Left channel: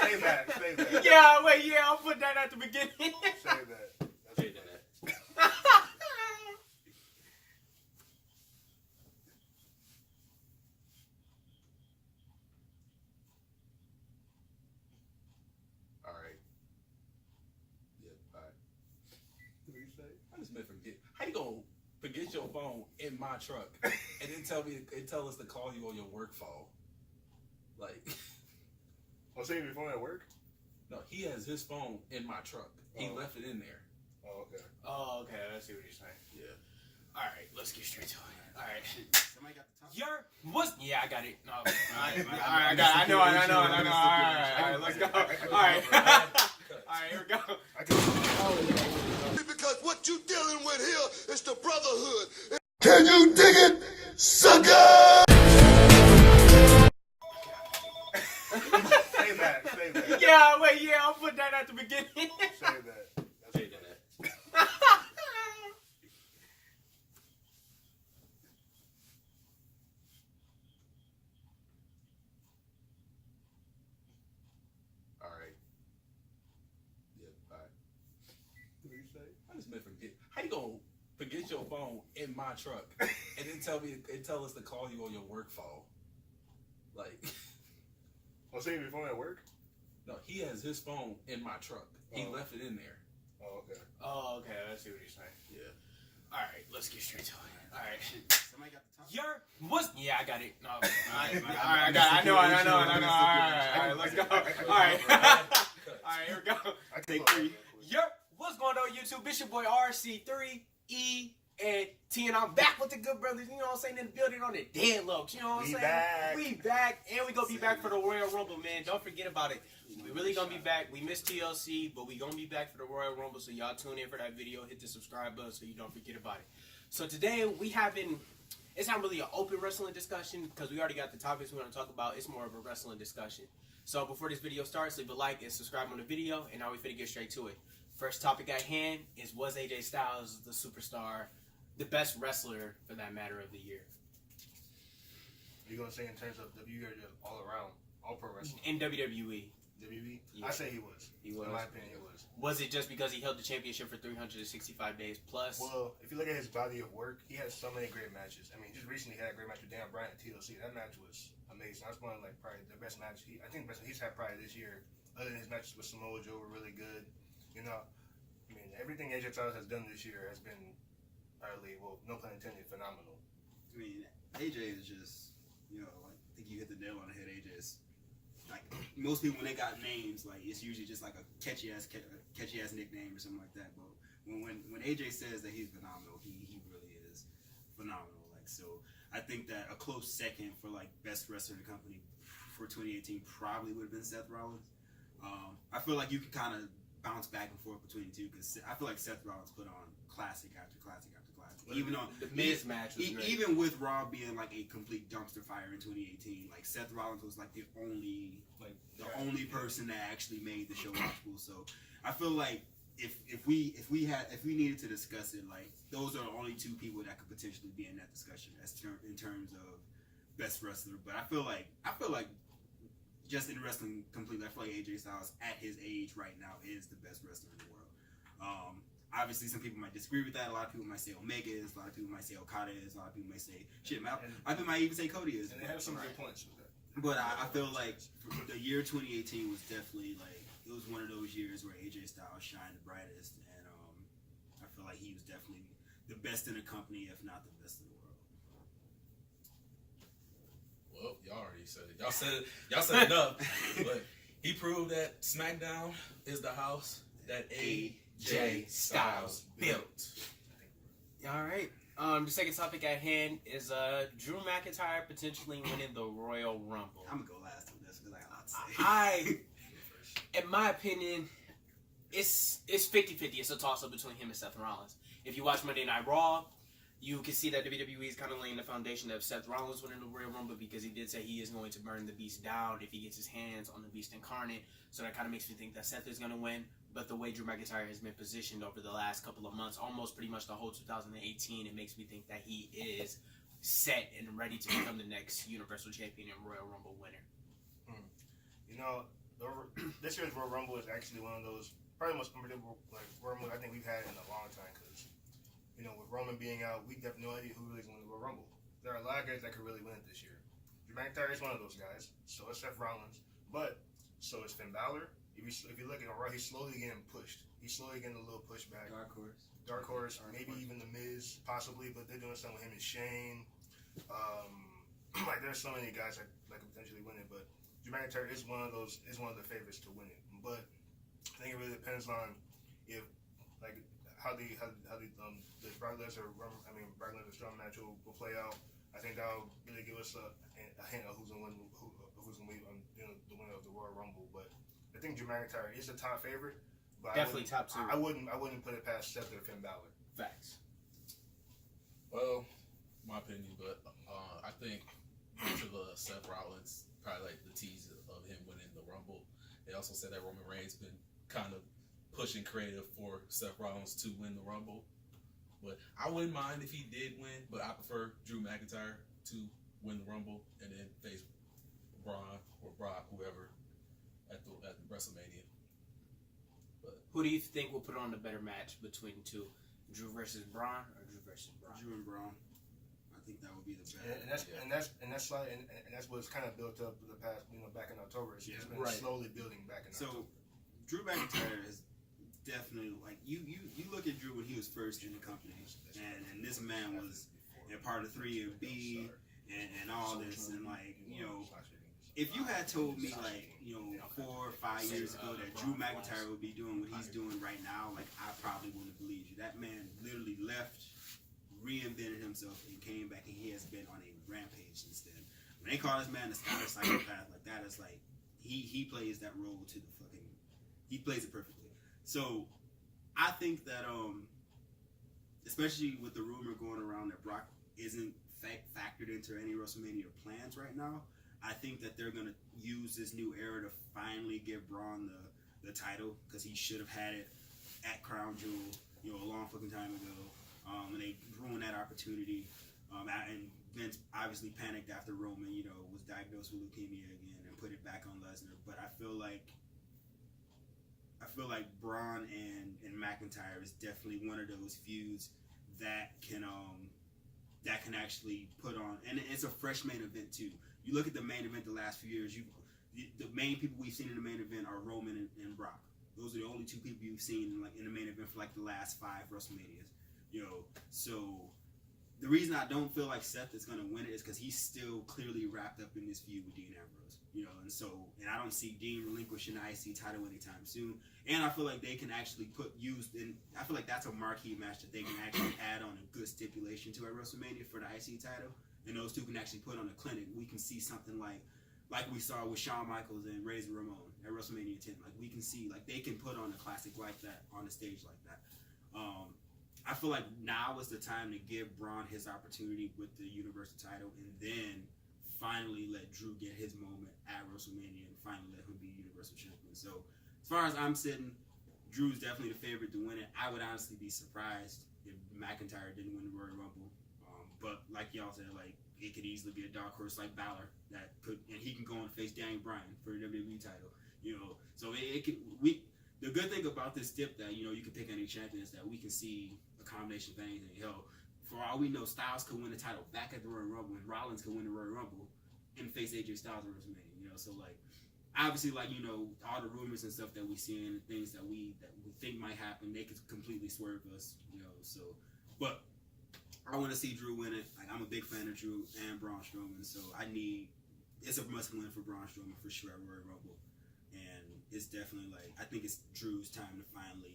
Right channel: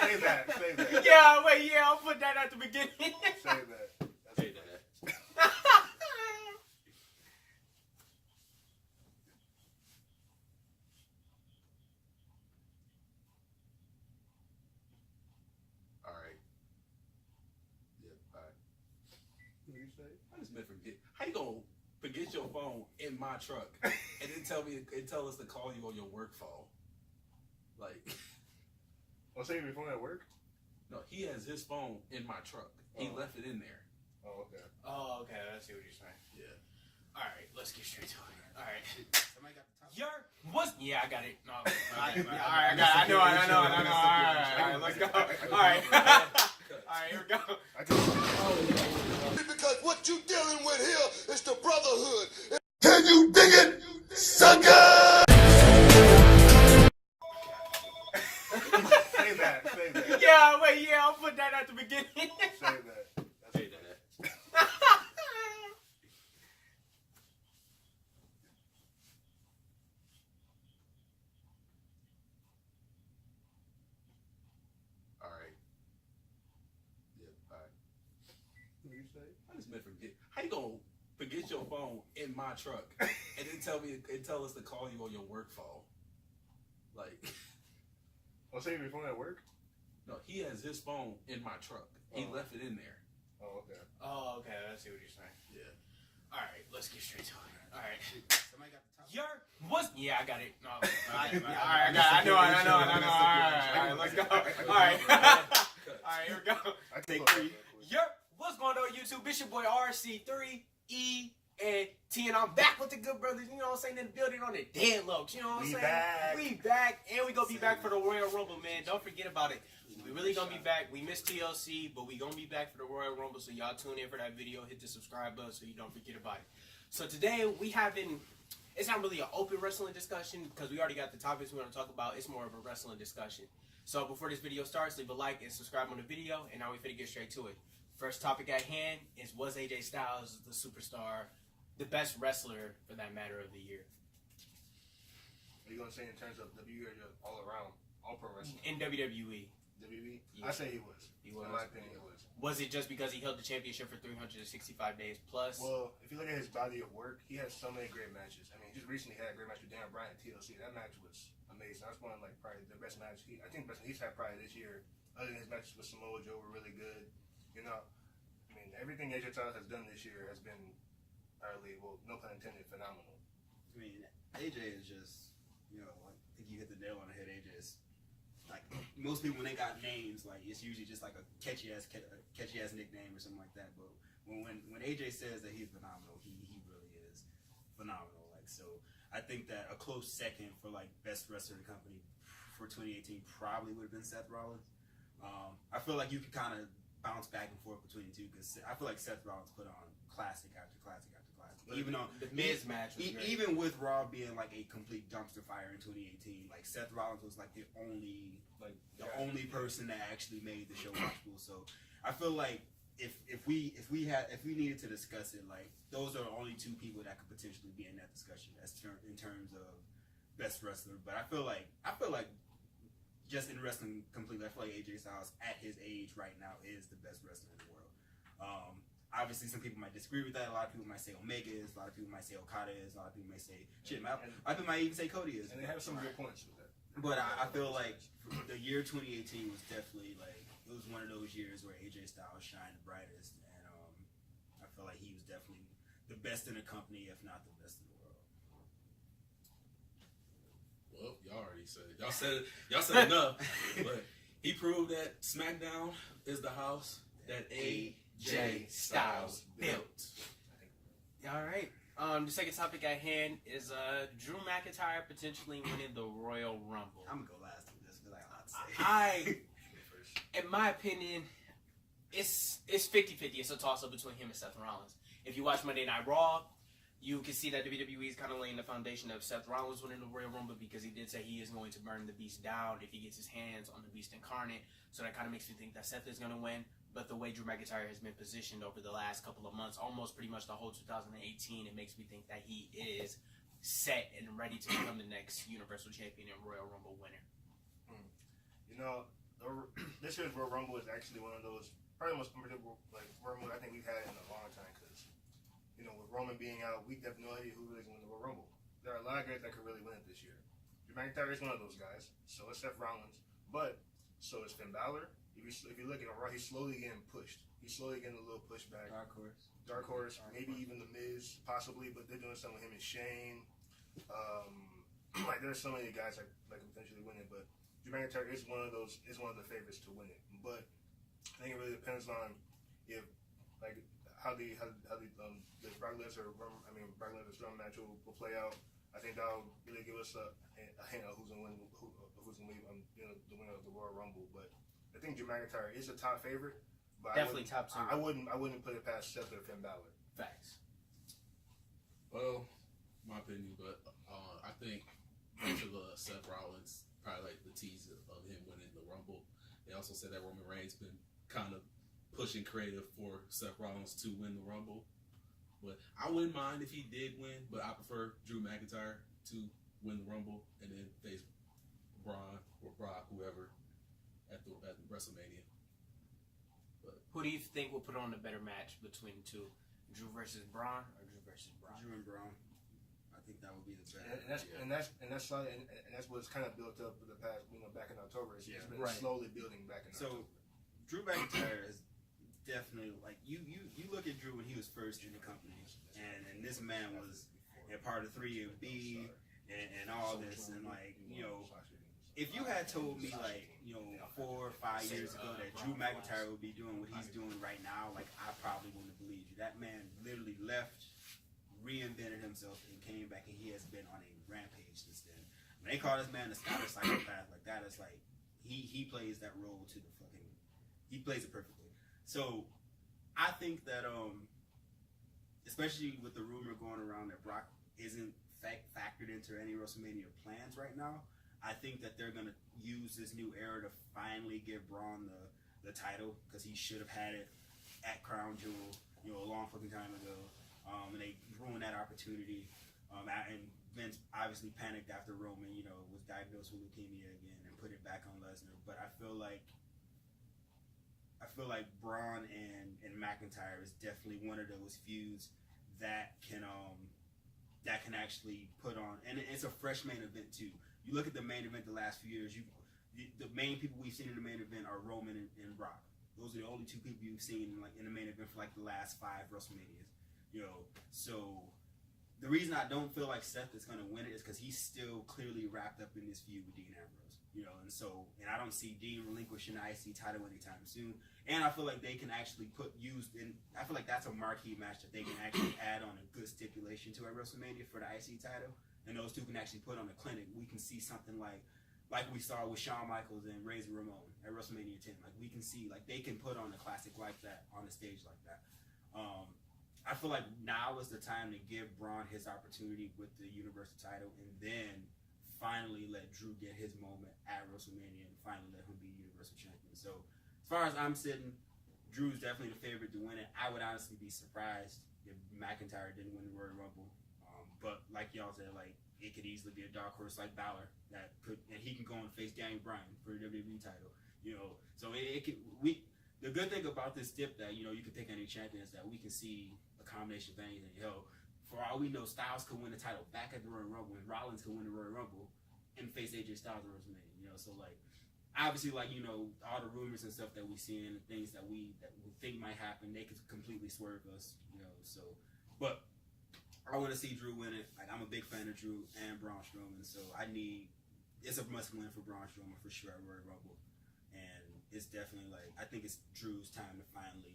Say that. Yeah, wait, yeah, I'll put that at the beginning. Say that. Say that. All right. Yeah, bye. What do you say? I just meant forget. How you gonna forget your phone in my truck and then tell us to call you on your work phone? Like, I'll save your phone at work. no, he has his phone in my truck. He left it in there. Oh, okay. Oh, okay, I see what you're saying. Yeah. All right, let's get straight to it. All right. Somebody got the top. What's? Yeah, I got it. No, all right, I I got it. I know. All right, let's go. All right. All right, here we go. I can. Because what you dealing with here is the brotherhood. Can you dig it, sucker? Say that. Yeah, wait, yeah, I'll put that at the beginning. Say that. Say that. All right. Yeah, bye. What do you say? I just meant forget. How you gonna forget your phone in my truck and then tell us to call you on your work phone? Like, I'll save your phone at work. no, he has his phone in my truck. He left it in there. Oh, okay. Oh, okay, I see what you're saying. Yeah. All right, let's get straight to it. All right. Somebody got the top. What's? Yeah, I got it. No, all right, I got it. I know. All right, let's go. All right. All right, here we go. I Take can. three. What's going on, YouTube? It's your boy RC3E and T, and I'm back with the good brothers. You know what I'm saying? In the building on the deadlocks. You know what I'm We saying? back. We back, and we gonna be back for the Royal Rumble, man. Don't forget about it. We really gonna be back. We missed TLC, but we gonna be back for the Royal Rumble. So y'all tune in for that video. Hit the subscribe button so you don't forget about it. So today we having. It's not really an open wrestling discussion because we already got the topics we want to talk about. It's more of a wrestling discussion. So before this video starts, leave a like and subscribe on the video. And now we finna get straight to it. First topic at hand is, was AJ Styles the superstar, the best wrestler for that matter of the year? Are you gonna say in terms of WWE or just all around, all pro wrestling? In WWE. WWE? Yeah. I say he was. He was. In my opinion, he was. Was it just because he held the championship for 365 days plus? Well, if you look at his body of work, he has so many great matches. I mean, he just recently had a great match with Dan Bryan at TLC. That match was amazing. That's one of probably the best match. I think the best he's had probably this year. Other than his matches with Samoa Joe were really good. You know, I mean, everything AJ Styles has done this year has been utterly, well, no pun intended, phenomenal. I mean, AJ is just, you know, like, I think you hit the nail on the head. AJ is like, most people when they got names, like, it's usually just like a catchy ass nickname or something like that. But when AJ says that he's phenomenal, he really is phenomenal. Like, so I think that a close second for like best wrestler in the company for 2018 probably would have been Seth Rollins. I feel like you could kind of bounce back and forth between the two because I feel like Seth Rollins put on classic after classic after classic. Even on the Miz match was great. Even with Raw being like a complete dumpster fire in 2018, like Seth Rollins was like the only person that actually made the show watchable. So I feel like if we needed to discuss it, like those are the only two people that could potentially be in that discussion in terms of best wrestler. But I feel like just in wrestling completely, I feel like AJ Styles at his age right now is the best wrestler in the world. Obviously, some people might disagree with that. A lot of people might say Omega is. A lot of people might say Okada is. A lot of people may say shit. A lot of people might even say Cody is. And they have some good points with that. But I feel like the year 2018 was definitely like it was one of those years where AJ Styles shined the brightest, and I feel like he was definitely the best in the company, if not the best in the world. Well, y'all already said it. Y'all said enough. But he proved that SmackDown is the house that AJ Styles built. All right. The second topic at hand is Drew McIntyre potentially winning the Royal Rumble. I'm gonna go last on this because I got a lot to say. In my opinion, it's 50-50. It's a toss-up between him and Seth Rollins. If you watch Monday Night Raw, you can see that WWE is kind of laying the foundation of Seth Rollins winning the Royal Rumble because he did say he is going to burn the Beast down if he gets his hands on the Beast incarnate. So that kind of makes me think that Seth is going to win. But the way Drew McIntyre has been positioned over the last couple of months, almost pretty much the whole 2018, it makes me think that he is set and ready to become the next Universal Champion and Royal Rumble winner. You know, this year's Royal Rumble is actually one of those probably the most unpredictable like Royal Rumble I think we've had in a long time because with Roman being out, we have no idea who really is going to win the Royal Rumble. There are a lot of guys that could really win it this year. Drew McIntyre is one of those guys. So is Seth Rollins, but so is Finn Balor. If you look at him, right, he's slowly getting pushed. He's slowly getting a little pushback. Dark Horse, maybe even The Miz, possibly, but they're doing something with him and Shane. Like there's so many guys that could potentially win it, but Drew McIntyre is one of the favorites to win it. But I think it really depends on if how the Brock Lesnar strong match will play out. I think that'll really give us a hint of who's gonna be the winner of the Royal Rumble. But I think Drew McIntyre is a top favorite. But Definitely top 2. I wouldn't put it past Seth or Finn Balor. Facts. Well, my opinion, but I think to the Seth Rollins, probably like the tease of him winning the Rumble. They also said that Roman Reigns been kind of pushing creative for Seth Rollins to win the Rumble. But I wouldn't mind if he did win, but I prefer Drew McIntyre to win the Rumble and then face Braun or Brock, whoever, at WrestleMania. But Who do you think will put on the better match between the two? Drew versus Braun or Drew versus Braun? Drew and Braun. I think that would be the best. And that's what's kind of built up the past, back in October. It's been slowly building back in October. So Drew McIntyre is definitely like you look at Drew when he was first in the company, and this man was a part of 3MB and all this, and if you had told me 4 or 5 years ago that Drew McIntyre would be doing what he's doing right now, I probably wouldn't have believed you. That man literally left, reinvented himself, and came back, and he has been on a rampage since then. When they call this man the Scottish psychopath, that is he plays that role to the fucking, he plays it perfectly. So I think that especially with the rumor going around that Brock isn't factored into any WrestleMania plans right now, I think that they're gonna use this new era to finally give Braun the title, because he should have had it at Crown Jewel, a long fucking time ago, and they ruined that opportunity. And Vince obviously panicked after Roman, was diagnosed with leukemia again, and put it back on Lesnar. But I feel like Braun and McIntyre is definitely one of those feuds that can actually put on, and it's a fresh main event too. You look at the main event the last few years, the main people we've seen in the main event are Roman and Brock. Those are the only 2 people you've seen in the main event for the last 5 WrestleManias. So the reason I don't feel like Seth is gonna win it is because he's still clearly wrapped up in this feud with Dean Ambrose. And I don't see Dean relinquishing the IC title anytime soon. And I feel like they can actually I feel like that's a marquee match that they can actually add on a good stipulation to at WrestleMania for the IC title. And those two can actually put on a clinic. We can see something like we saw with Shawn Michaels and Razor Ramon at WrestleMania 10. We can see, they can put on a classic like that on a stage like that. I feel like now is the time to give Braun his opportunity with the Universal title, and then finally let Drew get his moment at WrestleMania, and finally let him be Universal Champion. So as far as I'm sitting, Drew's definitely the favorite to win it. I would honestly be surprised if McIntyre didn't win the Royal Rumble. But like y'all said, it could easily be a dark horse like Balor and he can go and face Daniel Bryan for the WWE title. So the good thing about this dip that you can pick any champion is that we can see a combination of anything. For all we know, Styles could win the title back at the Royal Rumble, and Rollins could win the Royal Rumble and face AJ Styles at WrestleMania. So obviously all the rumors and stuff that we see and things that we think might happen, they could completely swerve us. But I want to see Drew win it. I'm a big fan of Drew and Braun Strowman, so it's a must win for Braun Strowman for sure at Royal Rumble. And it's definitely I think it's Drew's time to finally,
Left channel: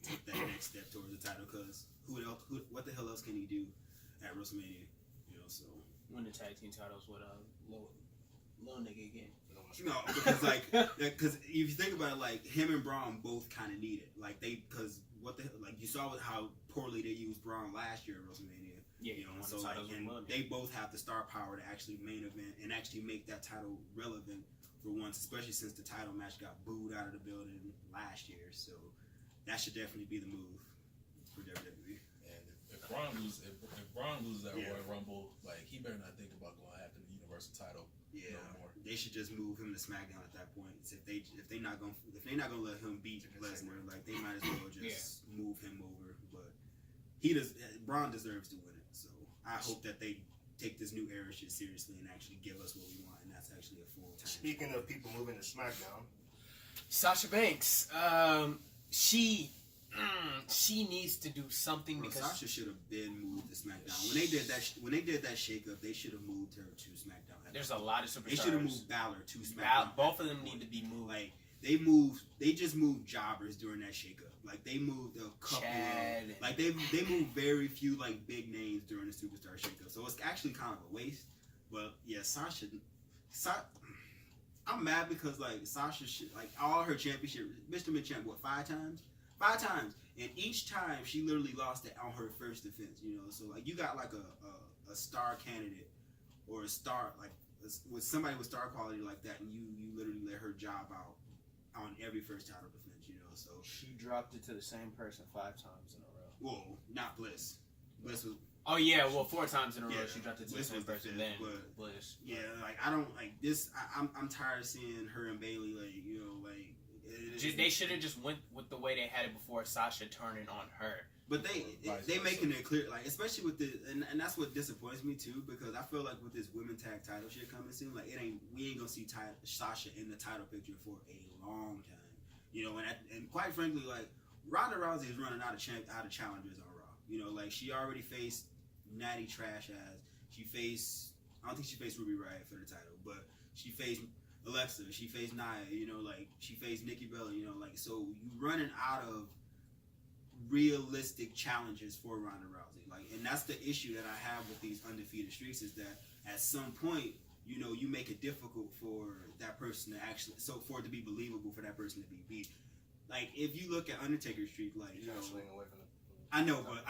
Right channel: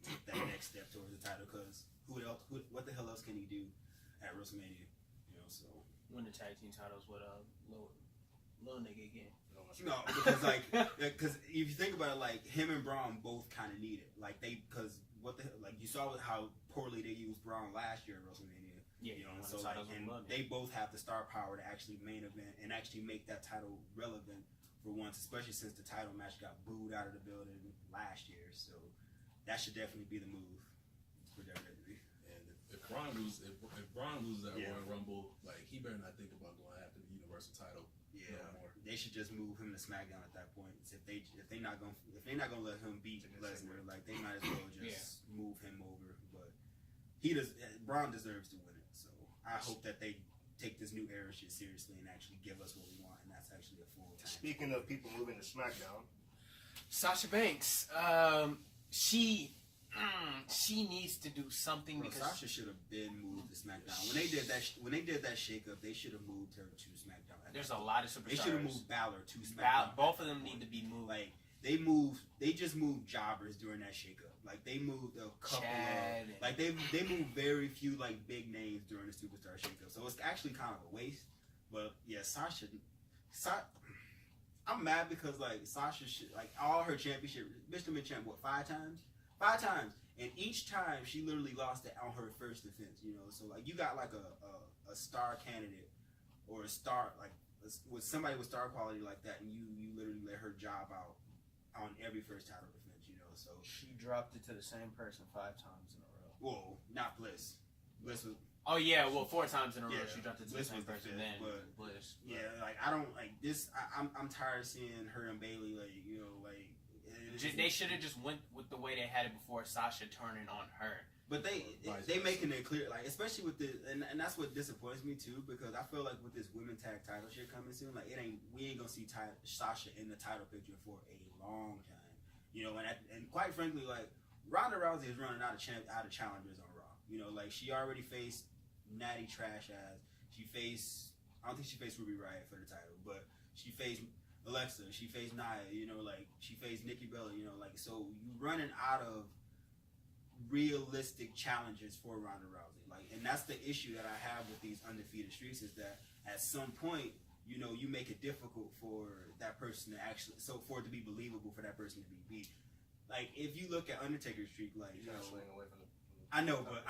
take that next step towards the title, because what the hell else can he do at WrestleMania? So win the tag team titles with a little nigga again. No, because if you think about it, him and Braun both kind of need it. You saw how poorly they used Braun last year at WrestleMania. Yeah, so they both have the star power to actually main event and actually make that title relevant for once, especially since the title match got booed out of the building last year. So that should definitely be the move for WWE. And if Braun loses that Royal Rumble, he better not think about going after the Universal title no more. they should just move him to SmackDown at that point. If they're not gonna let him beat Lesnar, like they might as well just move him over. But Braun deserves to win it. So I hope that they take this new era shit seriously and actually give us what we want, and that's actually a full time. Speaking of people moving to SmackDown, Sasha Banks, she needs to do something because Sasha should have been moved to SmackDown. When they did that shakeup, they should have moved her to SmackDown. there's a lot of superstars. They should have moved Balor to SmackDown. Both of them need to be moved. Like they just moved jobbers during that shakeup. Like they moved a couple Chad. of, like they moved very few like big names during the superstar shakeup. So it's actually kind of a waste. But yeah, Sasha, I'm mad because like Sasha, like all her championship, Mr. Mid-Champ, what, 5 times? 5 times, and each time she literally lost it on her first defense. You know, so like you got like a star candidate or a star like with somebody with star quality like that, and you literally let her job out on every first title defense. You know, so She dropped it to the same person 5 times in a row. whoa, not Bliss. Bliss was. Oh yeah, well 4 times in a row Yeah, she dropped it to Bliss the same was the person. fifth, Then but- Bliss. Yeah, like I don't like this. I'm tired of seeing her and Bailey like like. They should have just went with the way they had it before Sasha turning on her. But they versa. making it clear, like especially with the and that's what disappoints me too, because I feel like with this women tag title shit coming soon, like we ain't gonna see Sasha in the title picture for a long time, you know. And quite frankly, like Ronda Rousey is running out of challengers on Raw. You know, like she already faced Natty Trash ass. I don't think she faced Ruby Riott for the title, but she faced Alexa, she faced Nia, you know, like she faced Nikki Bella, you know, like so you running out of realistic challenges for Ronda Rousey, like, and that's the issue that I have with these undefeated streaks is that at some point, you know, you make it difficult for that person to actually, so for it to be believable for that person to be beat. Like if you look at Undertaker's streak, like you know, swing away from I know, but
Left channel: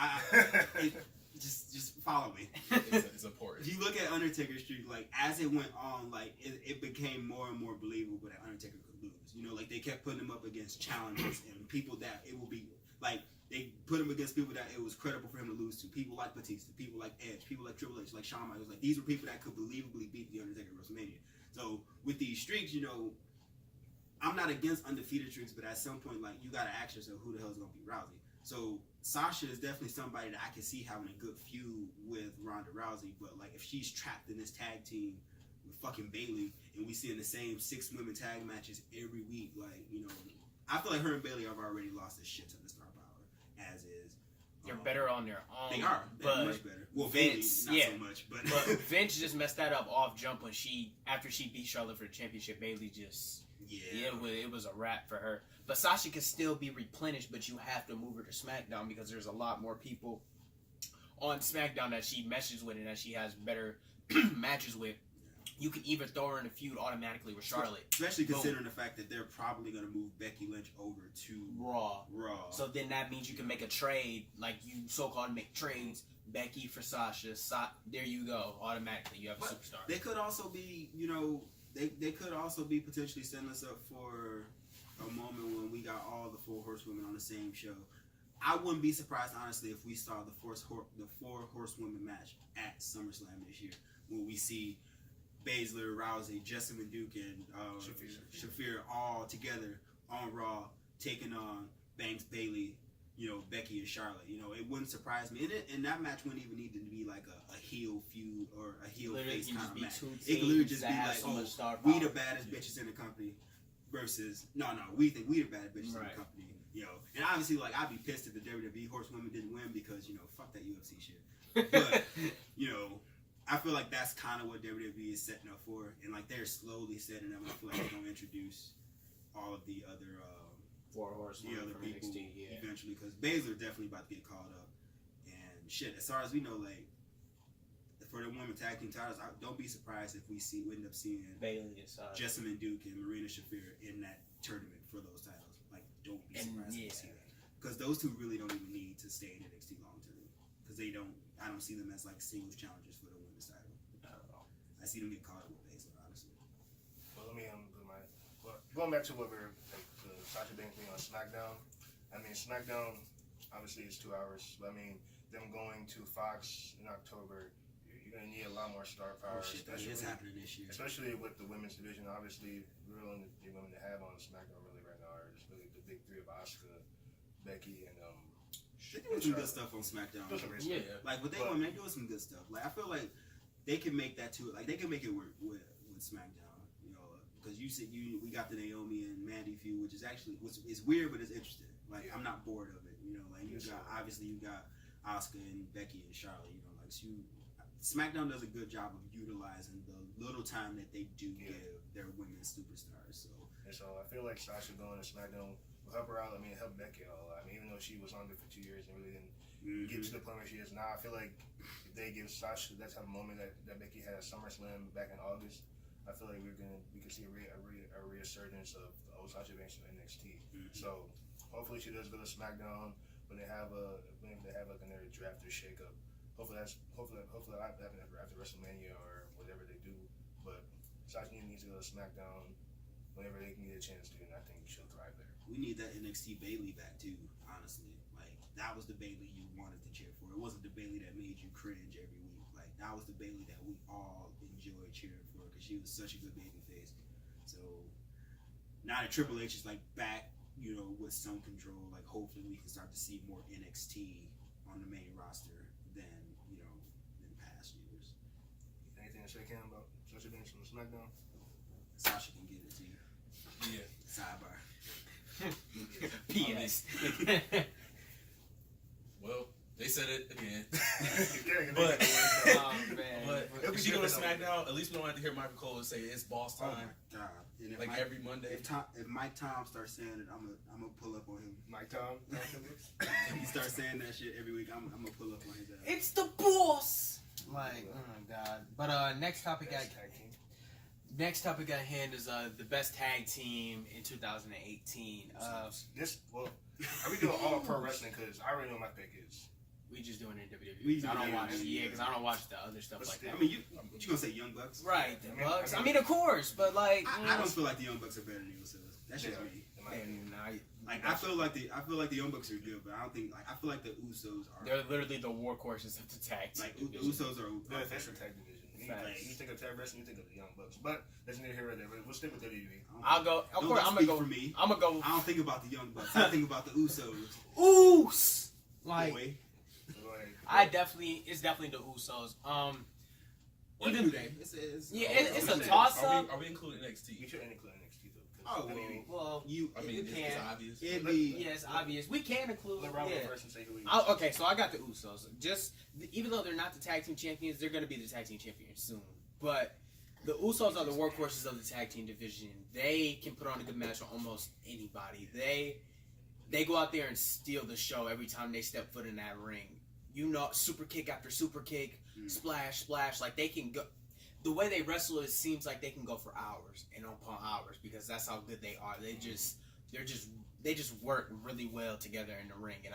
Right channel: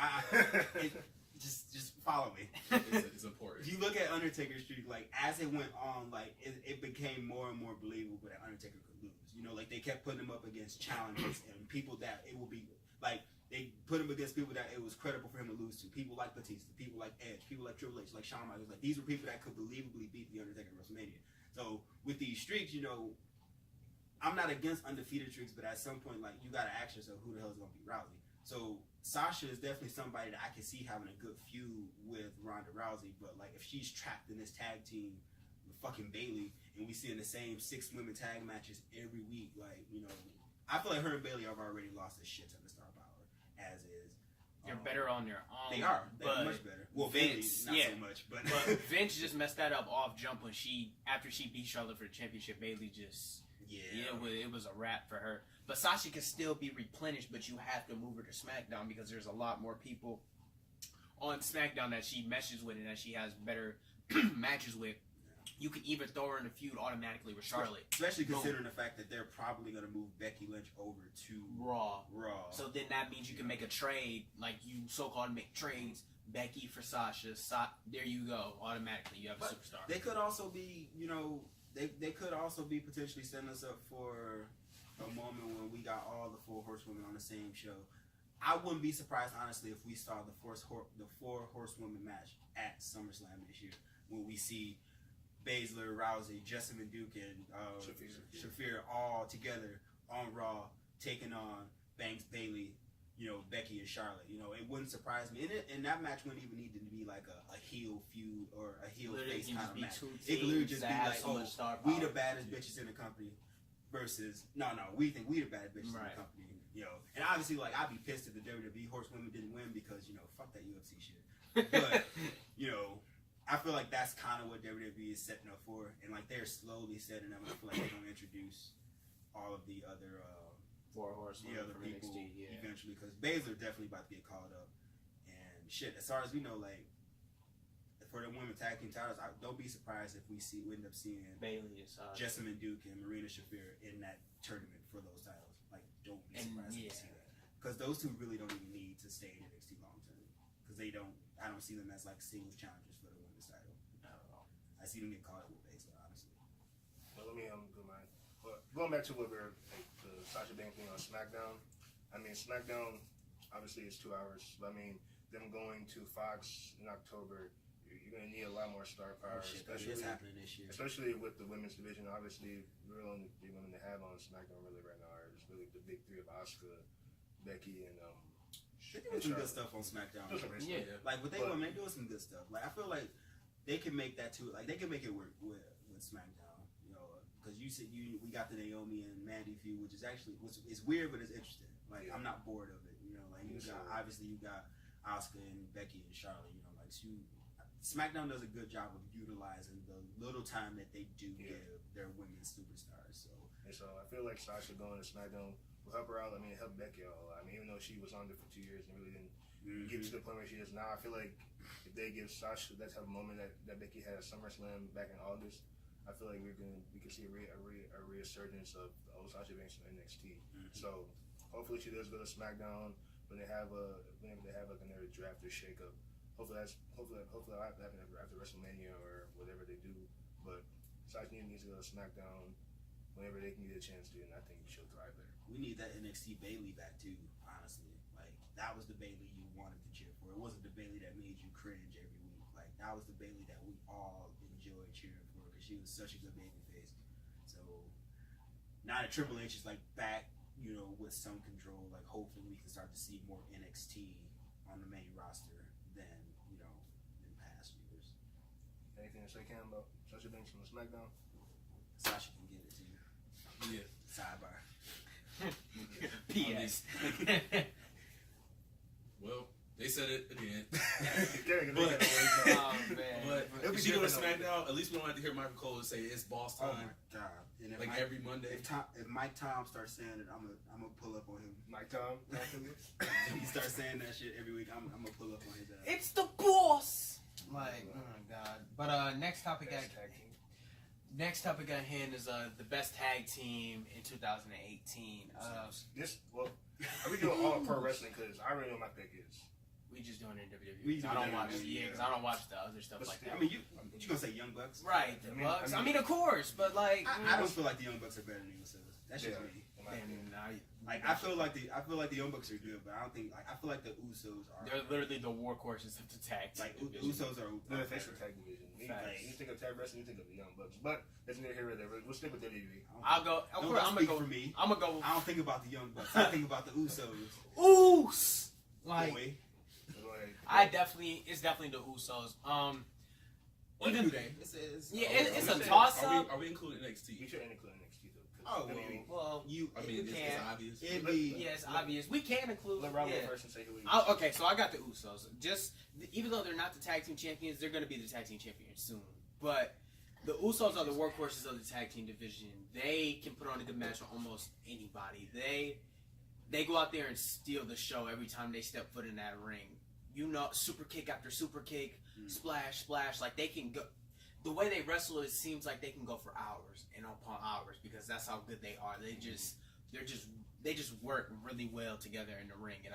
just follow me. It's important. If you look at Undertaker's streak, like as it went on, like it became more and more believable that Undertaker could lose. You know, like they kept putting him up against challengers and people that it will be like they put him against people that it was credible for him to lose to. People like Batista, people like Edge, people like Triple H, like Shawn Michaels. Like these were people that could believably beat the Undertaker at WrestleMania. So with these streaks, you know, I'm not against undefeated streaks, but at some point, like you gotta ask yourself, who the hell is gonna beat Rousey? So Sasha is definitely somebody that I can see having a good feud with Ronda Rousey, but like if she's trapped in this tag team with fucking Bailey and we see in the same 6 women tag matches every week, like, you know, I feel like her and Bailey have already lost a shit ton of star power, as is. They're better on their own. They are. They're much better. Well, Vince, Bailey, not yeah. so much, but But Vince just messed that up off jump when after she beat Charlotte for the championship, Bailey just it was a wrap for her. But Sasha can still be replenished, but you have to move her to SmackDown because there's a lot more people on SmackDown that she meshes with and that she has better matches with. You can even throw her in a feud automatically with Charlotte. Especially considering the fact that they're probably going to move Becky Lynch over to Raw. So So then that means you can make a trade, like you so-called make trades, Becky for Sasha. There you go. Automatically, you have a But superstar. they could also be, you know, they could also be potentially setting us up for a moment when we got all the 4 horsewomen on the same show. I wouldn't be surprised, honestly, if we saw the 4 horsewomen match at SummerSlam this year, when we see Baszler, Rousey, Jessamine Duke, and Shafir all together on Raw, taking on Banks, Bailey, you know, Becky and Charlotte. You know, it wouldn't surprise me. And that match wouldn't even need to be like a heel feud or a heel Literally face can kind just of be match. 2 It could literally teams just be that have like, so much star we power. the baddest bitches in the company versus we think we the baddest bitches in Right. the company. You know, and obviously, like, I'd be pissed if the WWE horsewomen didn't win because, you know, fuck that UFC shit. But, you know, I feel like that's kind of what WWE is setting up for, and like they're slowly setting up. And I feel like they're gonna introduce all of the other 4 horsewomen from people NXT, yeah. eventually, because Baszler definitely about to get called up. And shit, as far as we know, like for the women tag team titles, don't be surprised if we end up seeing Bailey is Jessamine Duke and Marina Shafir in that tournament for those titles. Like, don't be surprised if we see that, because those two really don't even need to stay in NXT long term, because I don't see them as like singles challengers for the women's title. Not at all. I see them get caught up with Baszler, honestly. Well, let me going back to what we're like, the Sasha Banks thing on SmackDown. I mean, SmackDown obviously is 2 hours. I mean, them going to Fox in October, you're gonna need a lot more star power. Oh shit, that is happening this year. Especially with the women's division. Obviously, the only three women to have on SmackDown really right now are just really the big three of Asuka, Becky, and They're doing some good stuff on SmackDown. Yeah. Like with they women, they're doing some good stuff. Like I feel like they can make that too. Like they can make it work with SmackDown. You know, because you said we got the Naomi and Mandy feud, which is actually it's weird, but it's interesting. Like I'm not bored of it. You know, like you got Asuka and Becky and Charlotte. You know, like SmackDown does a good job of utilizing the little time that they do give their women's superstars. So I feel like Sasha going to SmackDown will help her out. I mean, help Becky out a lot. I mean, even though she was on there for 2 years and really didn't get to the point where she is now, I feel like if they give Sasha that type of moment that Becky had at SummerSlam back in August, I feel like we can see a resurgence of the old Sasha Banks in NXT. So hopefully she does go to SmackDown when they have like another draft or shakeup. Hopefully that'll happen after WrestleMania or whatever they do. But Sasha needs to go to SmackDown whenever they can get a chance to, and I think she'll thrive there. We need that NXT Bayley back too. Honestly, like that was the Bayley you wanted to cheer for. It wasn't the Bayley that made you cringe every week. Like that was the Bayley that we all enjoyed cheering for because she was such a good baby face. So now that Triple H is like back, you know, with some control, like hopefully we can start to see more NXT on the main roster than past years. Anything to say, Cam, about Sasha Banks from SmackDown? Sasha can get it too. Yeah. Sidebar. P.S. Well, they said it again. But Oh, man. But if she go to SmackDown, at least we don't have to hear Michael Cole say it's boss Oh time. my god! And if Like Mike, every Monday. if Mike Tom starts saying it, I'm gonna pull up on him. Mike Tom, If he starts saying that shit every week, I'm gonna pull up on his ass. It's the boss. Like, oh my god. But next topic tag team. Next topic at hand is the best tag team in 2018. Are we doing all pro wrestling? Because I already know my pick is. We just doing it in WWE. We do I don't WWE, watch, yeah. because I don't watch the other stuff But like still, that. I mean, you gonna say Young Bucks? Right, the I mean, Bucks. I I mean- mean, of course, but like, I don't feel like the Young Bucks are better than the Usos. That's just me. in my opinion. and Like I feel like the Young Bucks are good, but I don't think I feel like the Usos are they're literally the workhorses of the tag team. like the Usos are. No, that's the tag division. Facts. You think of tag wrestling, you think of the Young Bucks. But that's neither here or there. We'll stick with WWE. I'll go. Of Don't course, I'm speak gonna go. for me. I'm gonna go. I don't think about the Young Bucks. I think about the Usos. Oos. Like, Boy. So go ahead. it's definitely the Usos. Or Even New Day. It's it's a Are we- toss-up. Are we including You NXT? should include NXT though. Oh, I mean, Well, you. I mean, We it's can. obvious. It'd be. yeah, it's obvious. We can include. let Rob Yeah. go first and say who he is. Okay, so I got the Usos. Even though they're not the tag team champions, they're going to be the tag team champions soon. But the Usos are the workhorses of the tag team division. They can put on a good match on almost anybody. They go out there and steal the show every time they step foot in that ring. You know, super kick after super kick, splash, splash. Like they can go. The way they wrestle, it seems like they can go for hours and upon hours because that's how good they are. They just work really well together in the ring. And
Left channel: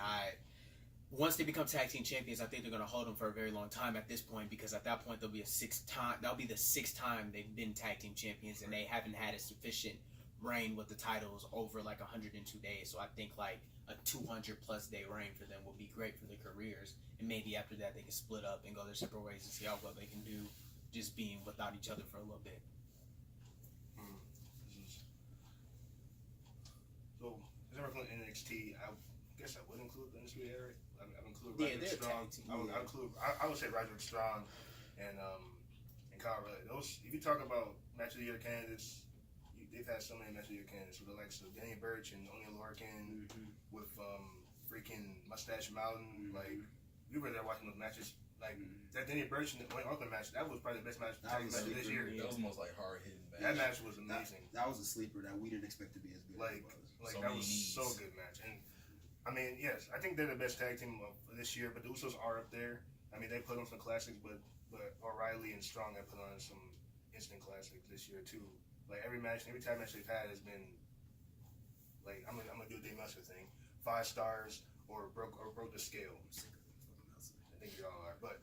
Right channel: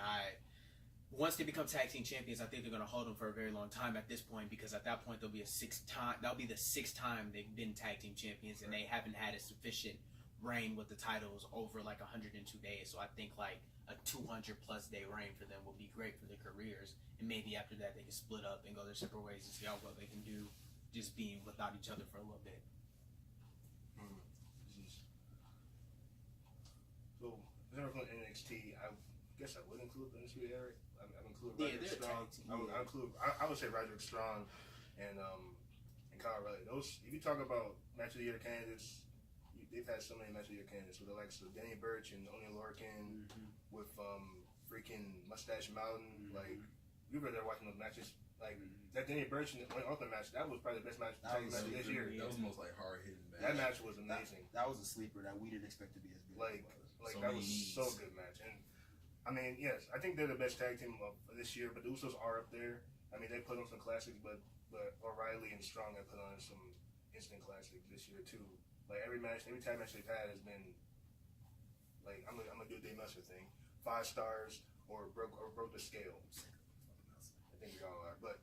once they become tag team champions, I think they're going to hold them for a very long time at this point because at that point that'll be the sixth time they've been tag team champions and they haven't had a sufficient reign with the titles over like 102 days. So I think like a 200 plus day reign for them will be great for their careers. And maybe after that they can split up and go their separate ways and see how well they can do just being without each other for a little bit. So, as I include NXT, I guess I would include the Undisputed Era. I would include Yeah, Roderick they're a Strong. tag team, I would say Roderick Strong and Kyle O'Reilly. Those, if you talk about match of the year candidates, they've had so many match of the year candidates with the likes of Danny Burch and Oni Lorcan with freaking Mustache Mountain. Like, we were there watching those matches. Like, that Danny Burch and Wayne Oakland match, that was probably the best match That was of this year. That was the most like hard hitting match. That match was amazing. That was a sleeper that we didn't expect to be as good Like as it was. So that many was needs. so good match. And I mean, yes, I think they're the best tag team of this year, but the Usos are up there. I mean, they put on some classics, but O'Reilly and Strong have put on some instant classics this year too. Like every tag match they've had has been like I'm gonna do the Dave Meltzer thing, 5 stars or broke the scale. I think we all are, but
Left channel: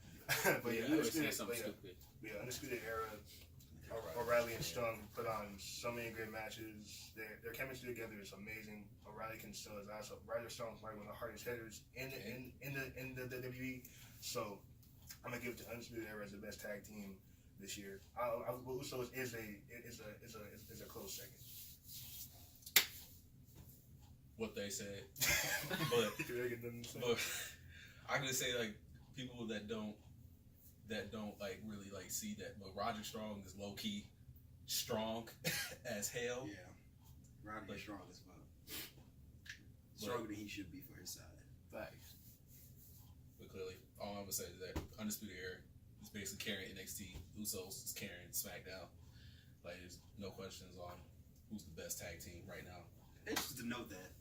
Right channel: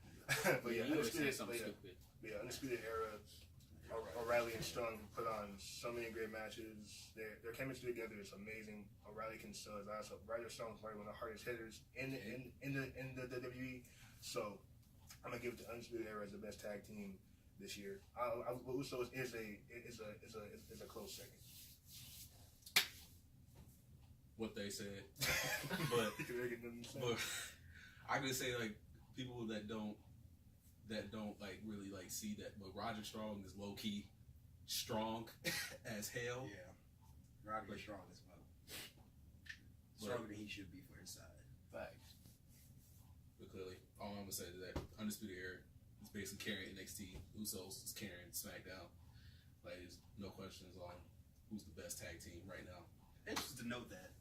You always say something stupid. Undisputed Era. O'Reilly and Strong put on so many great matches. Their chemistry together is amazing. O'Reilly can sell his ass up. Roderick Strong is probably one of the hardest hitters in the WWE. So I'm gonna give it to Undisputed Era as the best tag team this year. Usos is a close second. What they said, but I can just say like people that don't like really like see that, but Roderick Strong is low key strong as hell. Yeah, Roderick is strong as fuck. Stronger than he should be for his side. Facts. But clearly, all I'm gonna say is that Undisputed Era is basically carrying NXT. Usos is carrying SmackDown. Like, there's no questions on who's the best tag team right now. Interesting to note that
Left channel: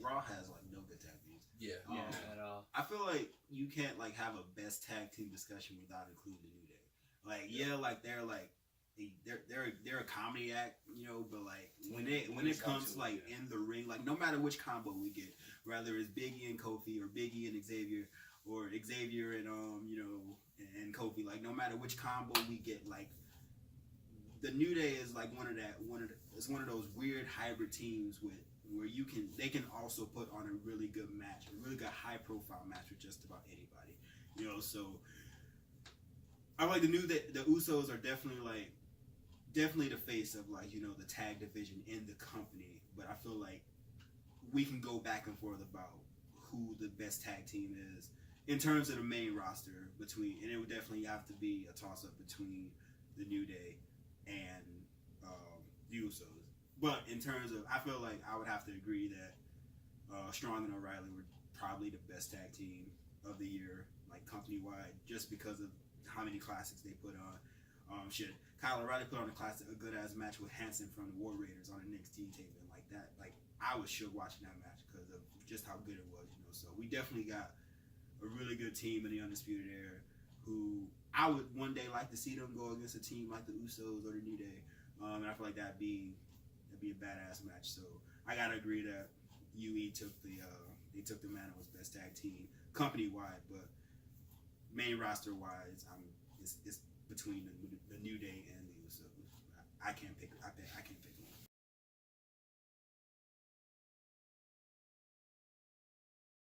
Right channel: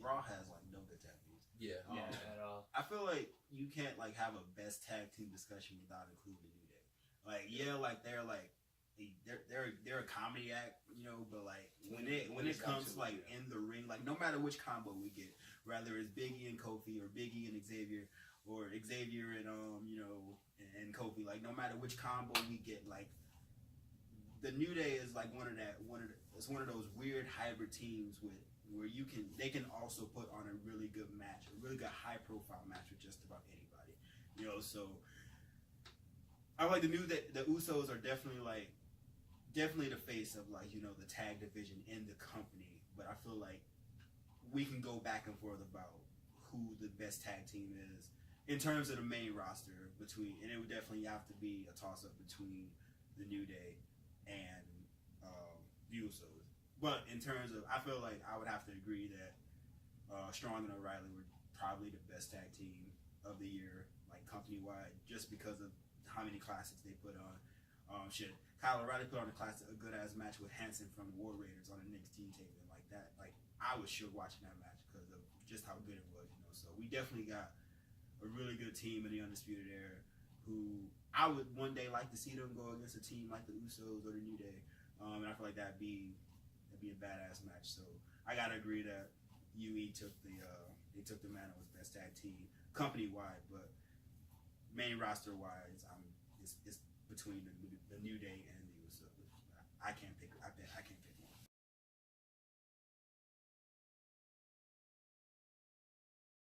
Raw has like no good tag teams. Yeah. Yeah, at all. I feel like you can't like have a best tag team discussion without including the New Day. Like, yeah, like they're a comedy act, you know, but like when it comes like in the ring, like no matter which combo we get, whether it's Big E and Kofi or Big E and Xavier or Xavier and and Kofi, like no matter which combo we get, like the New Day is like it's one of those weird hybrid teams where they can also put on a really good match, a really good high profile match with just about anybody, you know. So I like the Usos are definitely the face of like, you know, the tag division in the company, but I feel like we can go back and forth about who the best tag team is in terms of the main roster and it would definitely have to be a toss up between the New Day and the Usos. But in terms of, I feel like I would have to agree that Strong and O'Reilly were probably the best tag team of the year, like company wide, just because of how many classics they put on. Kyle O'Reilly put on a good ass match with Hanson from the War Raiders on an NXT tape, and like that, like I was shook watching that match because of just how good it was, you know. So we definitely got a really good team in the Undisputed Era, who I would one day like to see them go against a team like the Usos or the New Day, and I feel like that'd be a badass match. So I gotta agree that UE took the mantle as best tag team company wide, but main roster wise, it's between the New Day and the Usos. I can't pick